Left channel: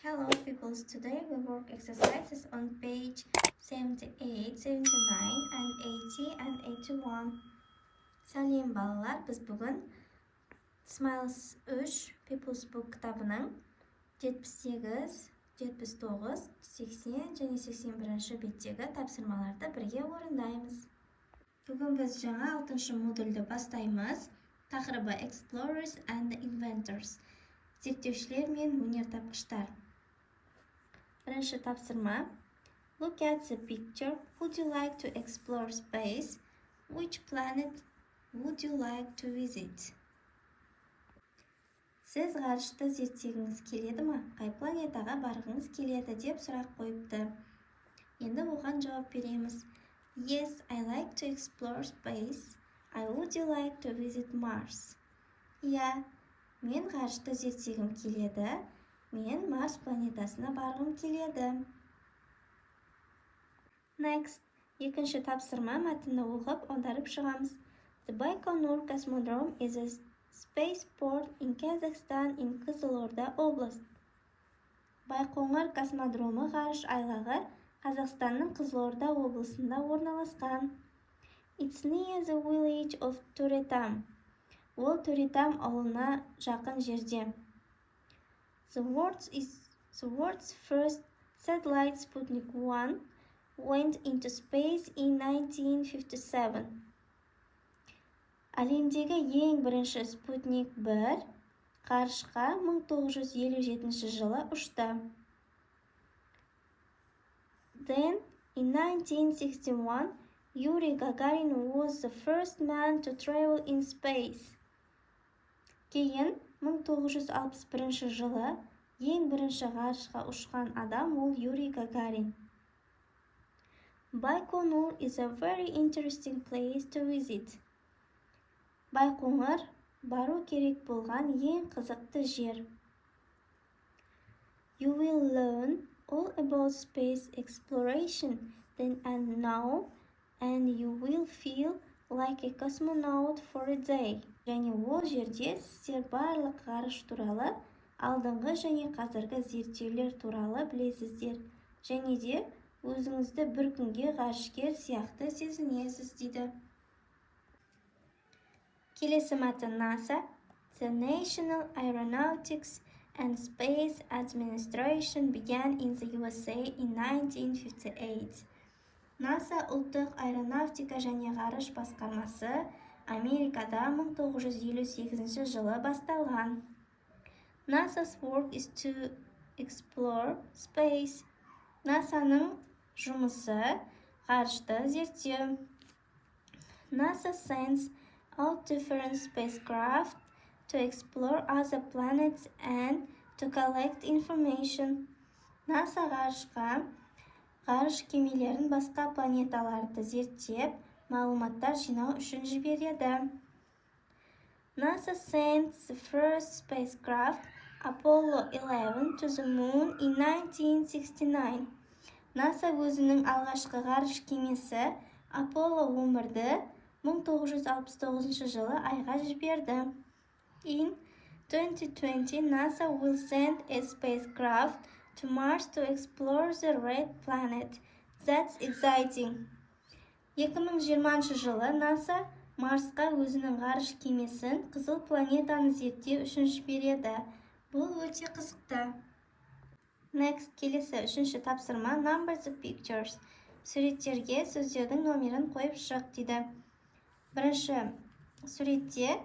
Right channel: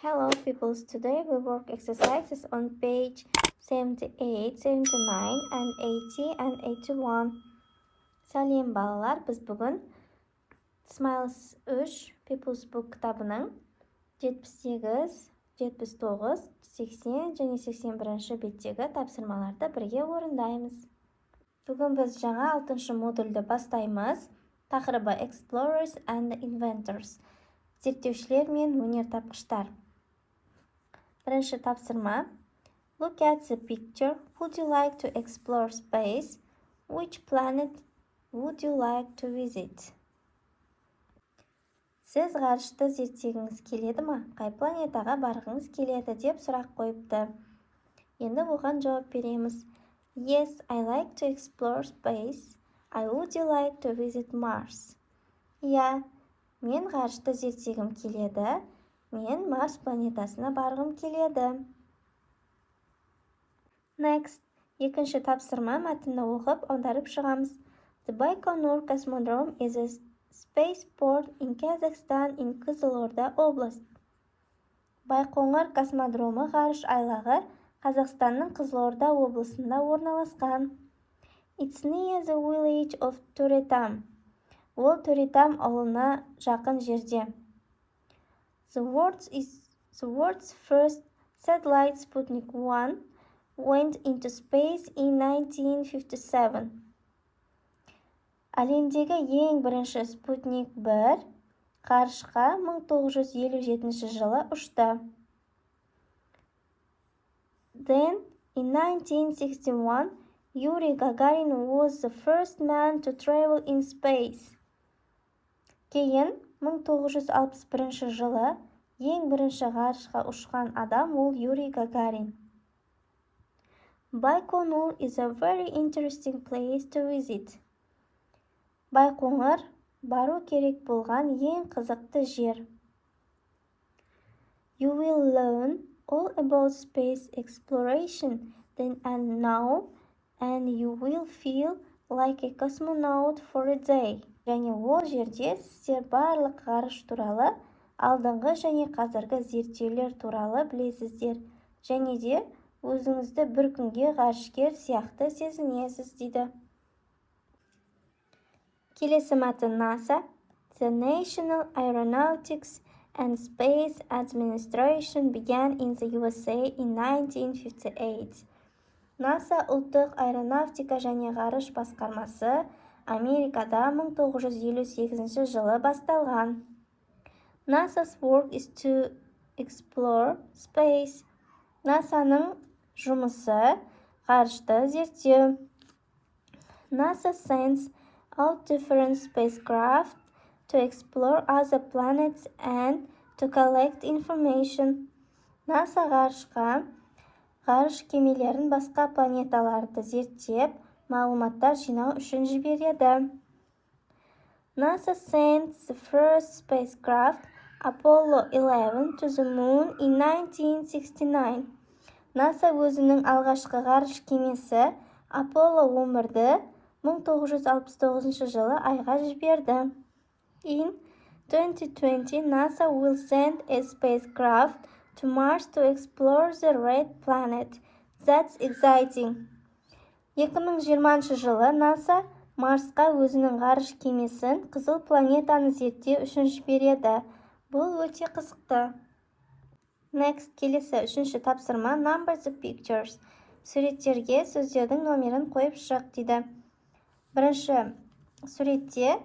Hello peoples, today we work exercises on page 78, 79 and 80 and 81. Сәлем балалар, біз бүгін Smiles 3 People's Book кітабының 78, 79, 80 және 81 беттегі тапсырмаларды бірге орындаймыз. Бүгін біз жаңа 6-шы модульді бастаймыз. Тақырыбы Explorers and Inventors. Зерттеушілер мен өнертапқыштар. Бірінші тапсырма. Look at the picture. Would you like to explore space? Which planet would you like to visit? Сіз ғарышты зерттегіңіз келеді ме? Қай планетаға барғыңыз келеді деп сұрақ қойыпты. Енді оған жауап береміз. Yes, I like to explore space. I would you like to visit Mars? Иә, мен ғарышты зерттегім келеді. Мен Марс планетасына барғым келеді. Next, екінші тапсырма мәтінді оқып аударып шығамыз. The Baikonur Cosmodrome is a spaceport in Kazakhstan in Қызылорда область. Байқоңыр космодромы ғарыш айлағы Қазақстанның Қызылорда облысында орналасқан. It's near the village of Төретам. Ол Төретам ауылына жақын жерде. The world's first satellite Sputnik 1 went into space in 1957. Әлемдегі ең бірінші Sputnik 1 ғарышқа 1957 жылы ұшты. Then, in 1961, Yuri Gagarin was the first man to travel in space. Кейін 1961 жылы ең бірінші ғарышқа ұшқан адам ол Юрий Гагарин. Baikonur is a very interesting place to visit. Байқоңыр бару керек болған ең қызықты жер. You will learn all about space exploration then and now, and you will feel like a cosmonaut for a day. Және ол жерде сіздер барлық ғарыш туралы, алдыңғы және қазіргі зерттеулер туралы білесіздер. Және де өзіңізді бір күнге ғарышкер сияқты сезінесіз дейді. Келесі мәтін NASA. The National Aeronautics and Space Administration began in the USA in 1958. NASA ұлттық аэронавтика және ғарыш басқармасы Америкада 1958 жылы басталған. NASA's work is to explore space. NASAның жұмысы ғарышты зерттеу. NASA sends out different spacecraft to explore other planets and to collect information. NASA ғарышқа ғарыш кемелерін басқа планеталарды зерттеп, мағлұматтар жинау үшін жібереді. NASA sent the first spacecraft, Apollo 11, to the moon in 1969. NASA өзінің алғашқы ғарыш кемесі Apollo 11-ді 1969 жылы айға жіберді. In 2020, NASA will send a spacecraft to Mars to explore the red planet. That's exciting. 2020 жылы NASA Марсқа өзінің ғарыш кемесін қызыл планетаны зерттеу үшін жібереді. Бұл өте қызықты. Next, келесі үшінші тапсырма Number the pictures. Суреттерге сөздердің номерін қойып шық дейді. Бірінші суретте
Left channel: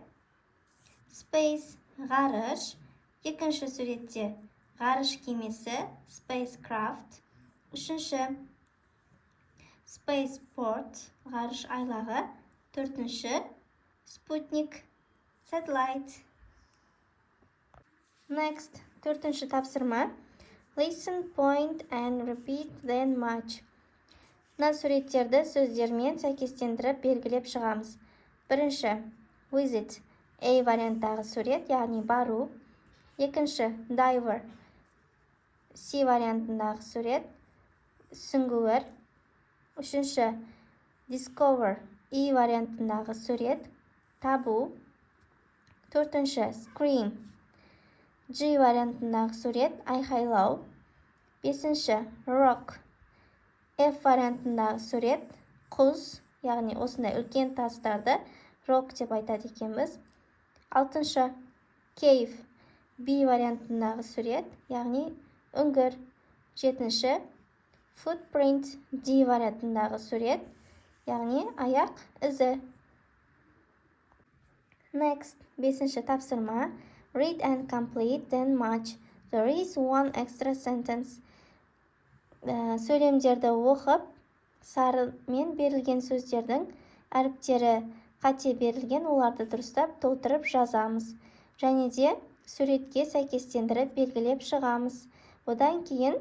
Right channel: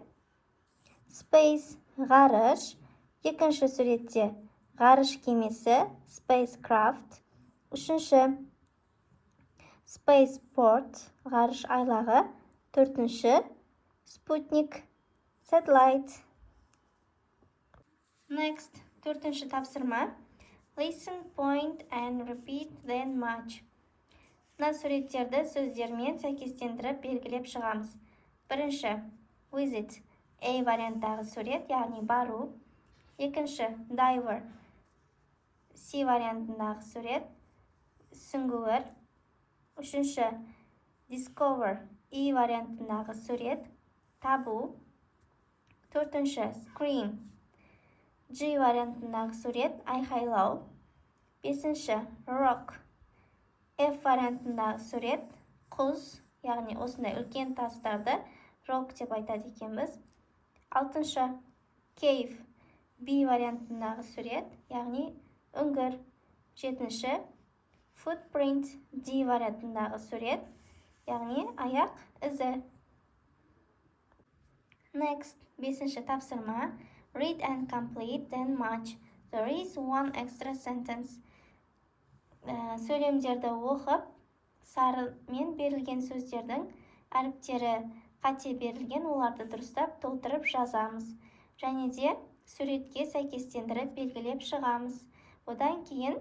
Space ғарыш, екінші суретте ғарыш кемесі Spacecraft, үшінші Spaceport ғарыш айлағы, төртінші Sputnik Satellite. Next, төртінші тапсырма Listen, point and repeat then match. Мына суреттерді сөздермен сәйкестендіріп белгілеп шығамыз. Бірінші Visit, A варианттағы сурет, яғни бару. Екінші Diver, C вариантындағы сурет, сүңгуір. Үшінші Discover, E вариантындағы сурет, табу. Төртінші Screen, G вариантындағы сурет айқайлау. 5-ші rock. F вариантындағы сурет құз, яғни осындай үлкен тастарды rock деп айтады екенбіз. 6-ші cave. B вариантындағы сурет, яғни үңгір. 7-ші footprint. D вариантындағы сурет, яғни аяқ ізі. Next, 5-ші тапсырма. Read and complete then match. There is one extra sentence. Сөйлемдерді оқып, сарымен берілген сөздердің әріптері қате берілген, оларды дұрыстап толтырып жазамыз. Және де суретке сәйкестендіріп белгілеп шығамыз. Одан кейін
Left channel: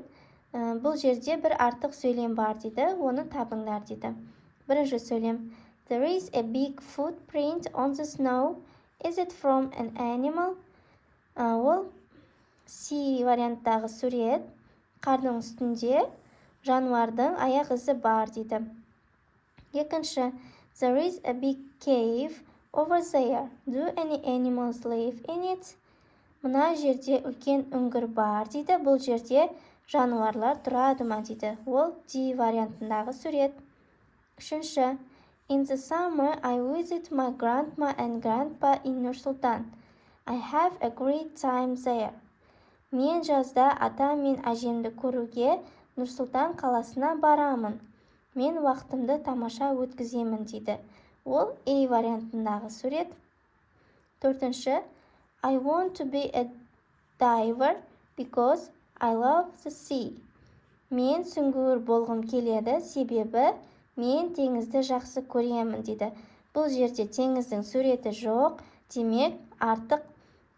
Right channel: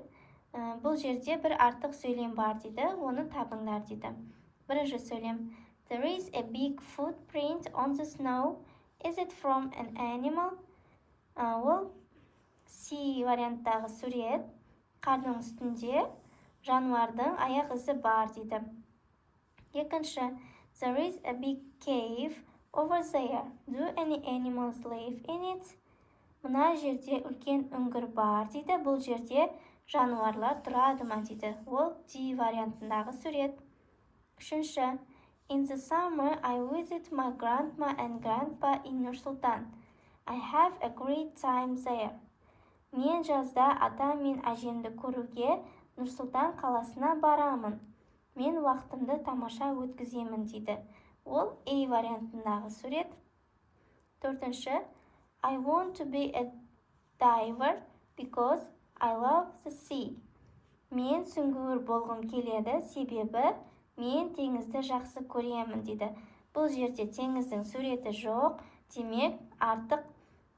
бұл жерде бір артық сөйлем бар дейді, оны табыңдар дейді. Бірінші сөйлем. There is a big footprint on the snow. Is it from an animal? Ол C варианттағы сурет, қардың үстінде жануардың аяқ ізі бар дейді. Екінші. There is a big cave over there. Do any animals live in it? Мына жерде үлкен үңгір бар дейді. Бұл жерде жануарлар тұрады ма дейді. Ол D вариантындағы сурет. Үшінші. In the summer, I visit my grandma and grandpa in Nur-Sultan. I have a great time there. Мен жазда ата мен әжемді көруге Нұр-Сұлтан қаласына барамын. Мен уақытымды тамаша өткіземін дейді. Ол A вариантындағы сурет. Төртінші. I want to be a diver because I love the sea. Мен сүңгуір болғым келеді, себебі мен теңізді жақсы көремін дейді. Бұл жерде теңіздің суреті жоқ, демек артық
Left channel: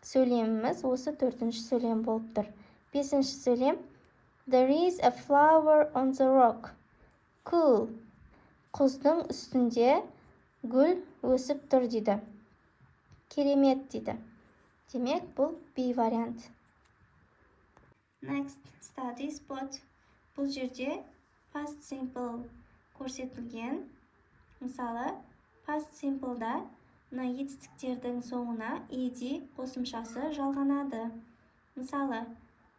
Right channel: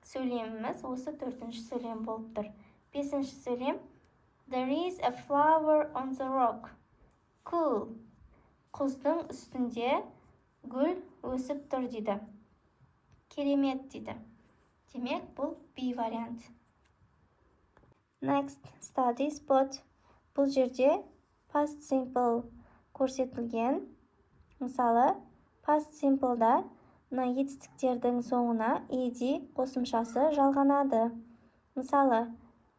сөйлеміміз осы 4-ші сөйлем болып тұр. 5-ші сөйлем. There is a flower on the rock. Cool. Құздың үстінде гүл өсіп тұр дейді. Керемет дейді. Демек бұл B вариант. Next, study spot. Бұл жерде past simple көрсетілген. Мысалы, past simple'да мына етістіктердің соңына ed қосымшасы жалғанады. Мысалы,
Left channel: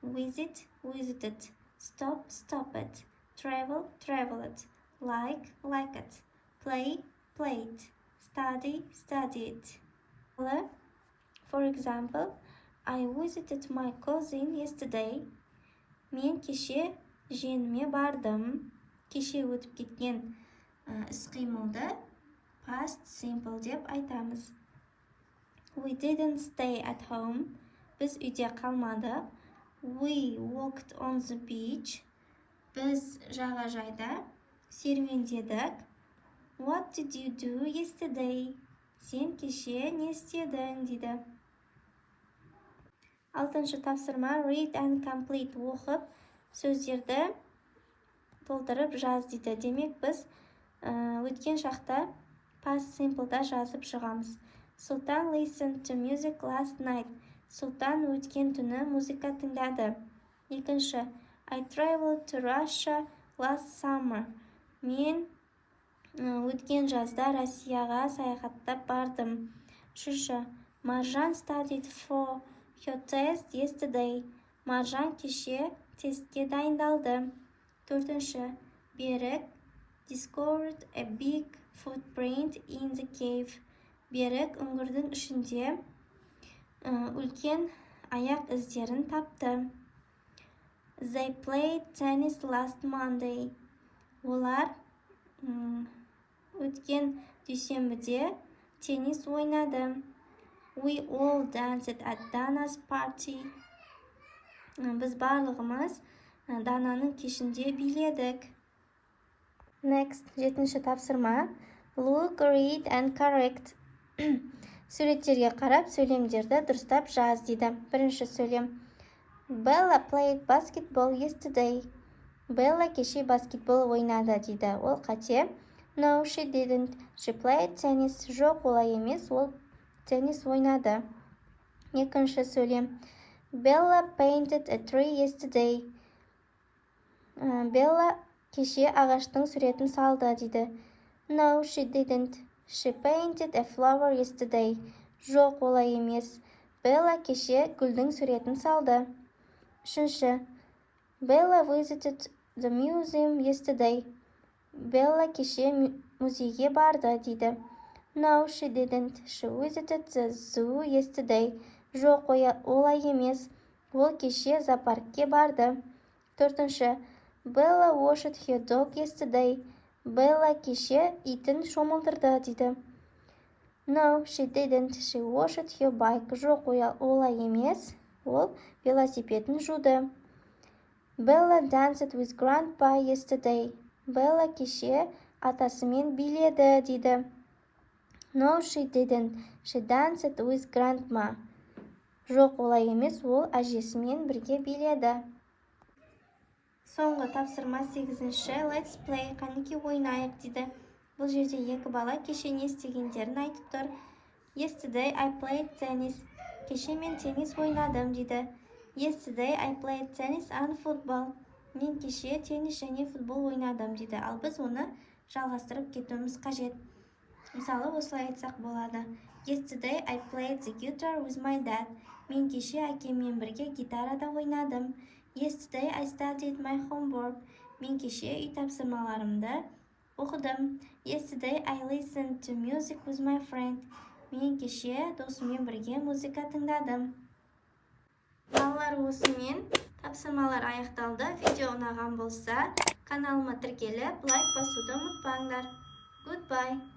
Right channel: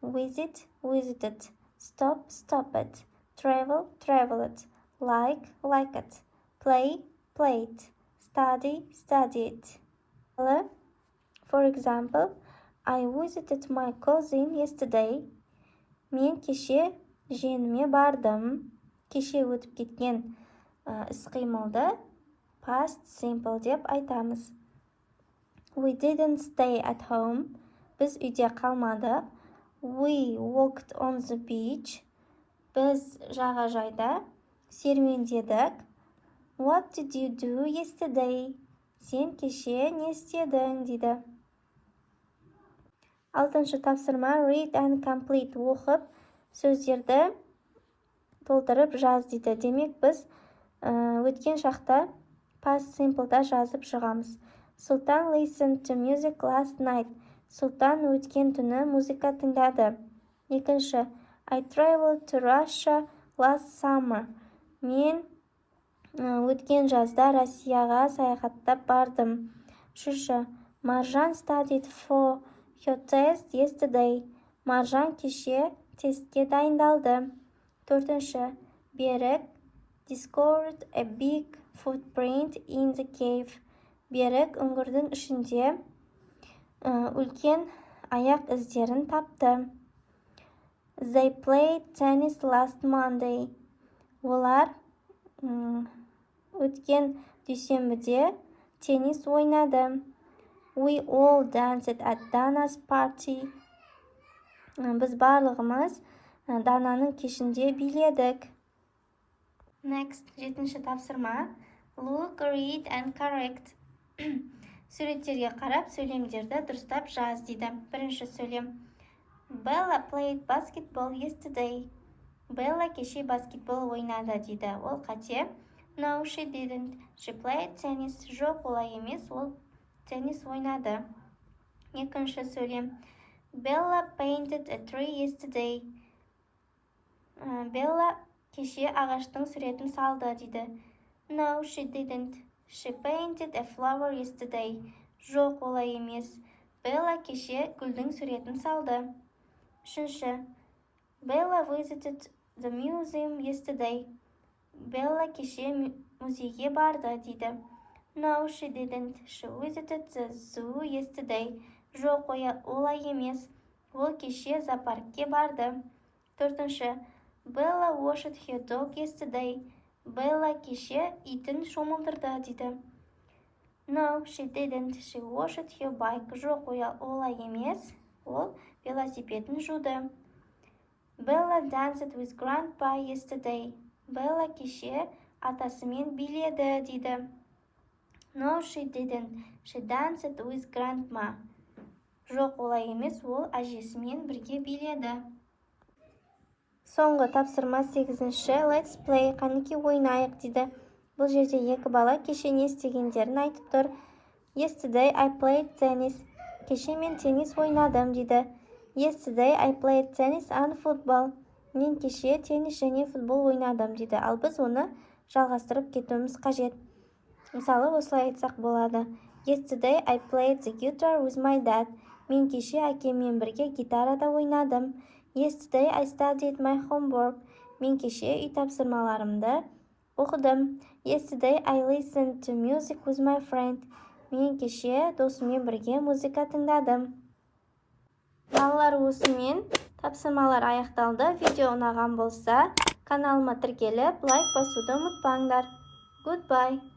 visit, visited, stop, stopped, travel, traveled, like, liked, play, played, study, studied. For example, I visited my cousin yesterday. Мен кеше жиеніме бардым. Кеше өтіп кеткен іс-қимылды past simple деп айтамыз. We didn't stay at home. Біз үйде қалмадық. We walked on the beach. Біз жағажайда серуендедік. What did you do yesterday? Сен кеше не істедің дейді. 6-шы тапсырма. Read and complete. Оқып, сөздерді толтырып жаз дейді. Демек біз өткен шақта past simple'да жазып шығамыз. Sultan listened to music last night. Сұлтан өткен түні музыка тыңдады. 2-ші. I traveled to Russia last summer. Мен өткен жазда Россияға саяхаттап бардым. 3-ші. Marjan studied for her test yesterday. Маржан кеше тестке дайындалды. 4-ші. Берік discovered a big footprint in the cave. Берік үңгірдің ішінде үлкен аяқ іздерін тапты. They played tennis last Monday. Олар өткен дүйсенбіде теннис ойнады. We all danced at Dana's party. Біз барлығымыз Дананың кешінде биледік. Next, 7-ші тапсырма. Look, read and correct. Суреттерге қарап, сөйлемдерді дұрыстап жаз дейді. Бірінші сөйлем. Bella played basketball yesterday. Bella кеше баскетбол ойнады дейді. Ол қате. No, she didn't. She played tennis. Жоқ, олай емес, ол теннис ойнады. Екінші сөйлем. Bella painted a tree yesterday. Bella кеше ағаштың суретін салды дейді. No, she didn't. She painted a flower yesterday. Жоқ, олай емес. Bella кеше гүлдің суретін салды. Үшінші. Bella visited the museum yesterday. Bella кеше музейге барды дейді. No, she didn't. She visited the zoo yesterday. Жоқ, олай емес. Ол кеше зоопаркке барды. Төртінші. Bella washed her dog yesterday. Bella кеше итін шомылдырды дейді. No, she didn't. She washed her bike. Жоқ, олай емес. Ол велосипедін жуды. Bella danced with grandpa yesterday. Bella кеше атасымен биледі дейді. No, she didn't. She danced with grandma. Жоқ, олай емес. Ол әжесімен бірге биледі. Соңғы тапсырма 8-ші. Let's play. Қанеке ойнайық дейді. Бұл жерде екі бала кеше не істегендерін айтып тұр. Yesterday I played tennis. Кеше мен теннис ойнадым дейді. Yesterday I played tennis and football. Мен кеше теннис және футбол ойнадым дейді. Ал біз оны жалғастырып кетуіміз қажет. Мысалы, осылай айтсақ болады. Yesterday I played the guitar with my dad. Мен кеше әкеммен бірге гитарада ойнадым. Yesterday I studied my homework. Мен кеше үй тапсырмаларымды оқыдым. Yesterday I listened to music with my friend. Мен кеше досыммен бірге музыка тыңдадым. Балалар, осымен тапсырмалар аяқталды. Видео ұнаған болса, каналыма тіркеліп, лайк басуды ұмытпаңдар. Goodbye.